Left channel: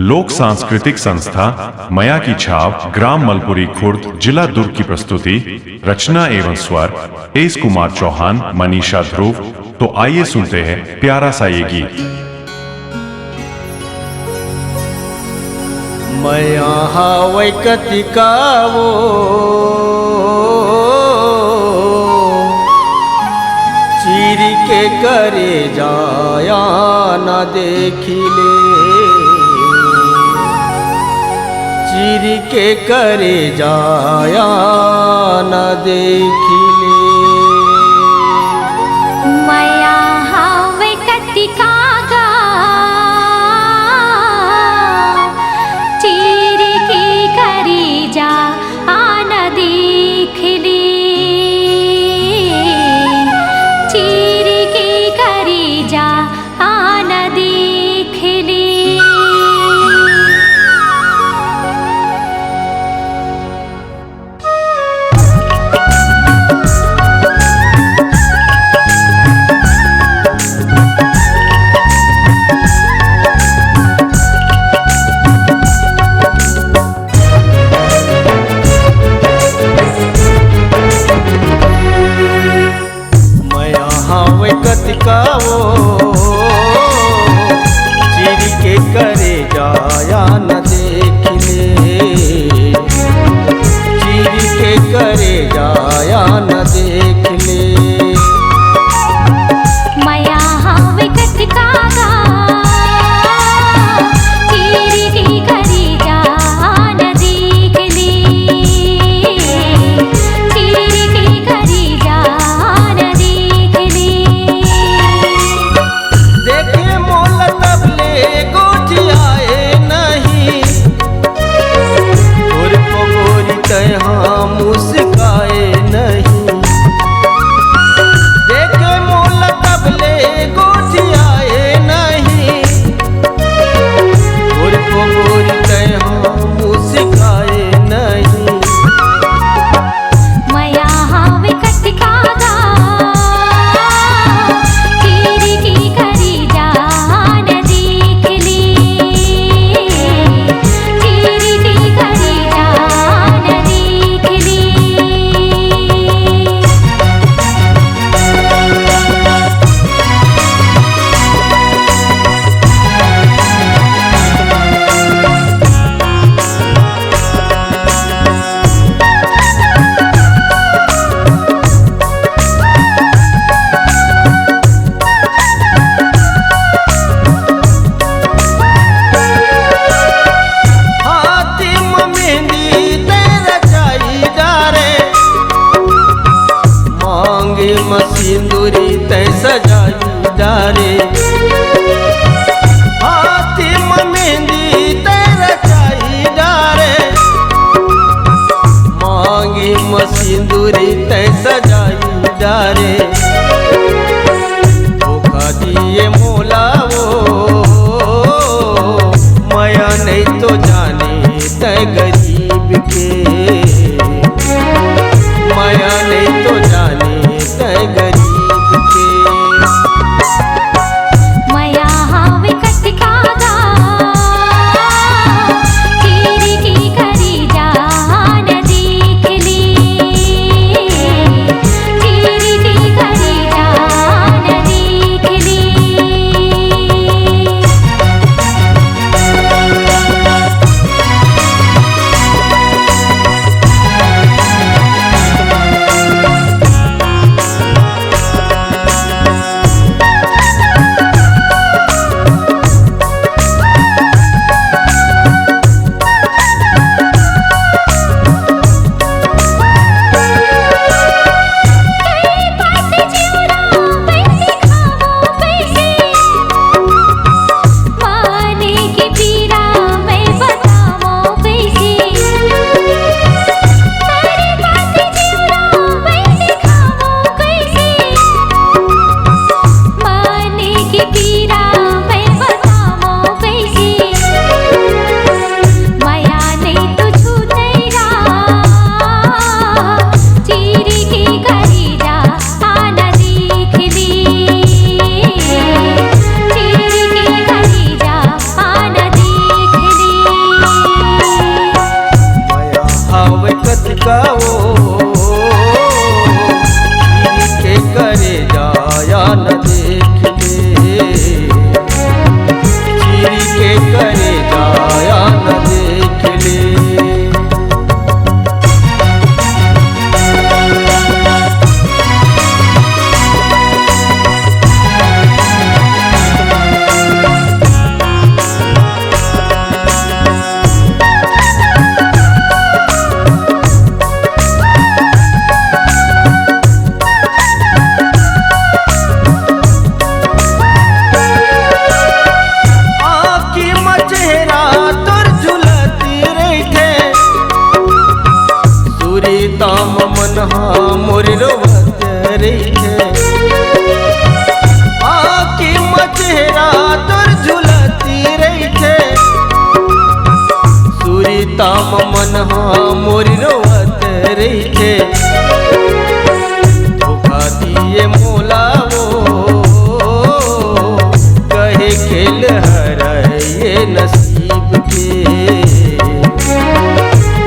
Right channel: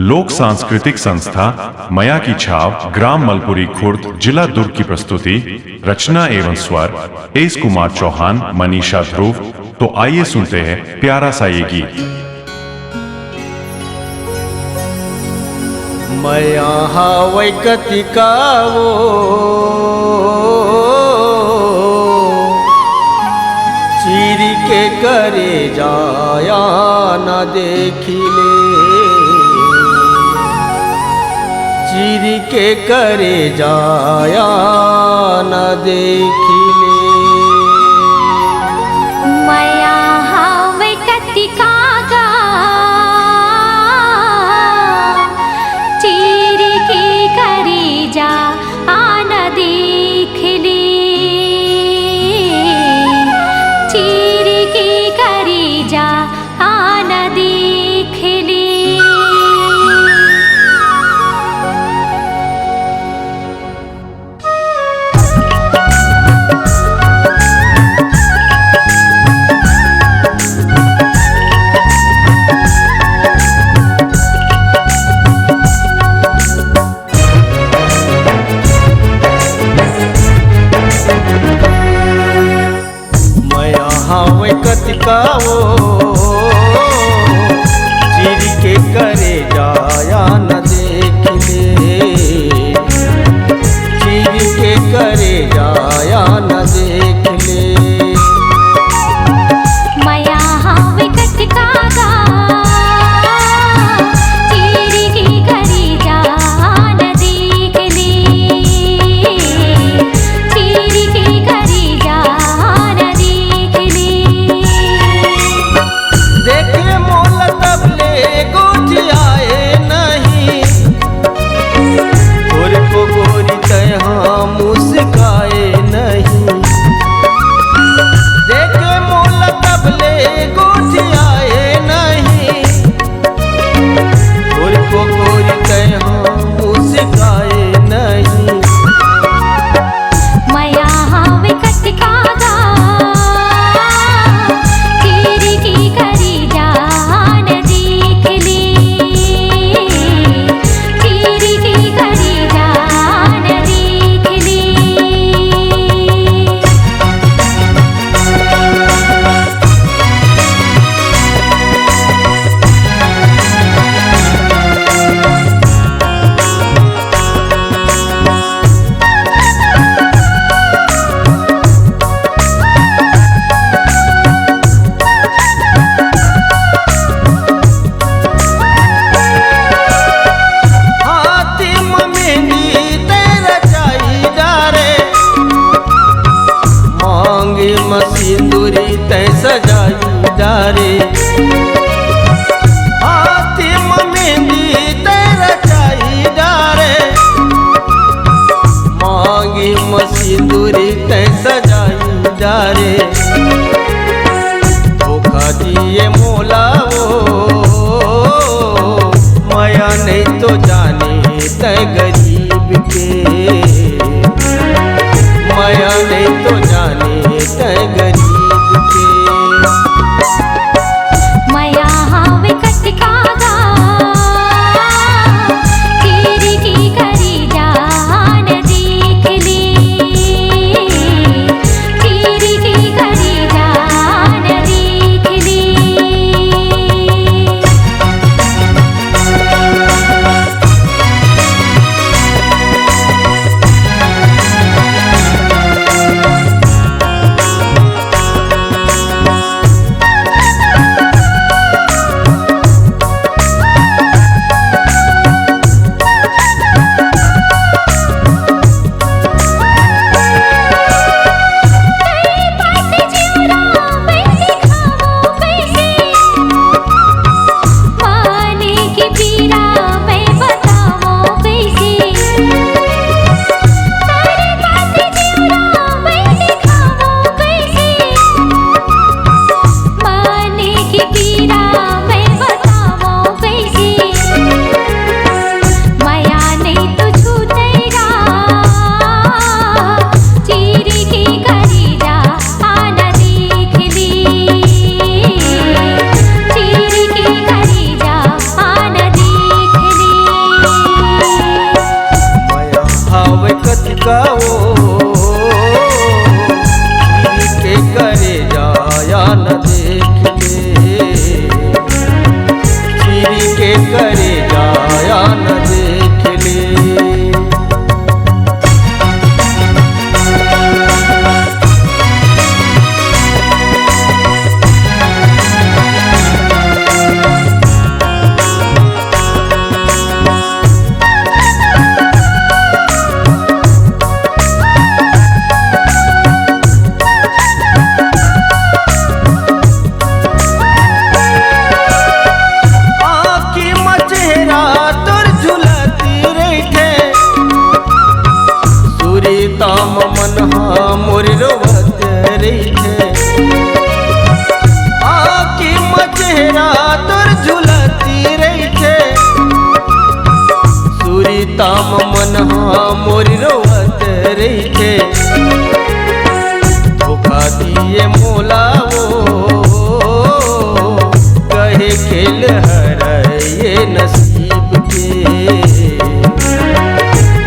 लोक सांस्कृतिक संस्था मया की छाव, ग्राम मलपुरी खुर्द, जिला दुर्ग की प्रस्तुति। रचना एवं स्वर एस कुमार चौहान, मनीषा ध्रुव। तो आइए सुनते हैं प्यारा सा ये गीत। मया हावै कतिकावो चीरी के करे जाया न देखिले, चीरी के करे जाया न देखिले। मया हावै कतिकागा चीरी के करे जा आन देखिले, चीरी के करे जा आन देखिले। हावै कतिकावो चीरी के करे जाया न देखिले, चीरी के करे जाया न देखिले। मया हावै कतिकागा चीरी के करे जा न देखिले, चीरी के करे जा न देखिले। देखे मोल तबले गोठियाए नहीं, गोर को गोरी तहाँ मुस्काए नहीं। देखे मोल तबले गोठियाए नहीं, गोर को गोरी तहाँ मुस्काए नहीं। मया हावै कतिकागा चीरी के करे जा न देखिले, चीरी के करे जा न देखिले। सिंदूरी तै सजाई डारे, हाथी मेहंदी तै रचाई डारे। मांगी सिंदूरी तै सजाई डारे, धोखा दिए मोलावो मया नहीं तो जाने तै गरीब के, मया नहीं तो जाने तै गरीब के। मया हावै कतिकागा चीरी के करे जा न देखिले, चीरी के करे जा न देखिले। का वो चीर के करे जाया न देख ले, चीर के करे जाया न देख ले। ताम मन मोर रोवत रही आकी मचेहरा तोर झुलती रही सूरी ताम मन मोर रोवत रही। धोखा दिए मोला वो कहे खेल हर ये नसीब के,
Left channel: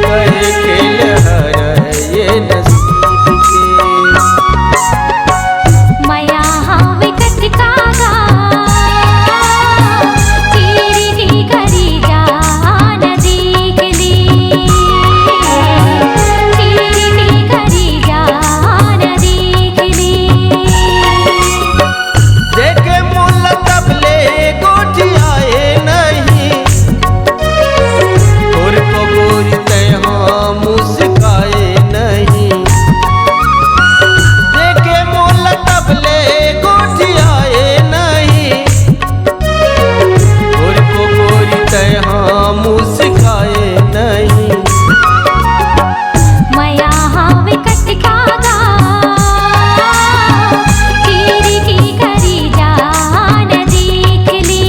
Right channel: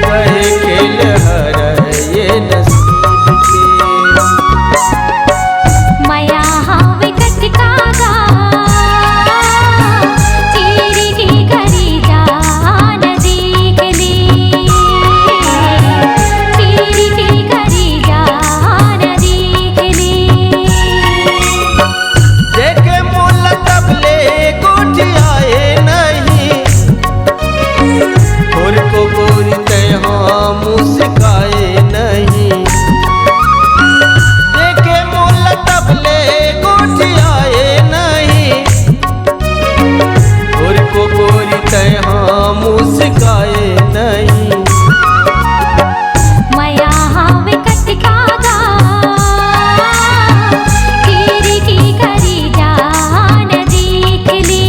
कहे खेल हर ये नसीब के। मया हावे कटिकागा चीरी की करी जान देख ले, चीरी की करी जान देख ले। देखे मोल तबले गोठियाए नहीं और को गोरी तहाँ मुस्काए नहीं। देखे मोल तबले गोठियाए नहीं और को गोरी तहाँ मुस्काए नहीं। मया हावे कटिकागा चीरी की करी जान देख ले,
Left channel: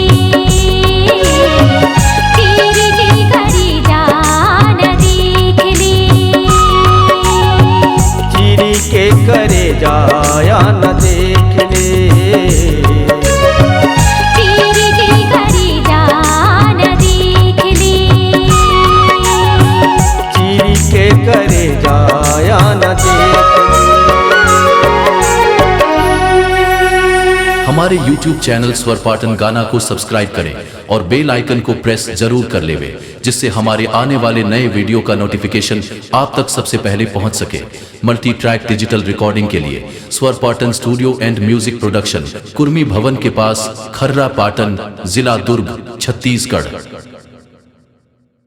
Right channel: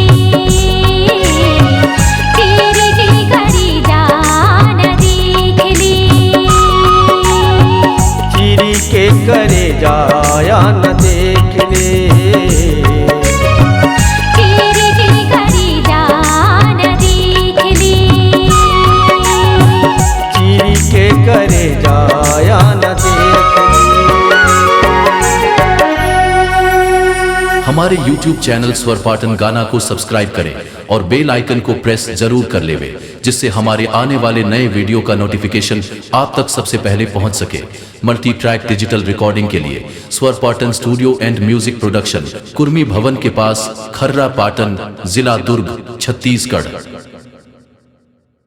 चीरी की करी जान देख ले। चीरी के करे जाया न देख ले, चीरी की करी जान देख ले। चीरी के करे जाया न देख ले। हमारे YouTube चैनल स्वर पाटन गाना को सब्सक्राइब करें और बेल आइकन को प्रेस जरूर कर लेवे, जिससे हमारे आने वाले नए वीडियो का नोटिफिकेशन आप तक सबसे पहले पहुंच सके। मल्टी ट्रैक डिजिटल रिकॉर्डिंग के लिए स्वर Patan studio and music production, Kurmi भवन के पास, खर्रा पाटन, जिला दुर्ग, छत्तीसगढ़।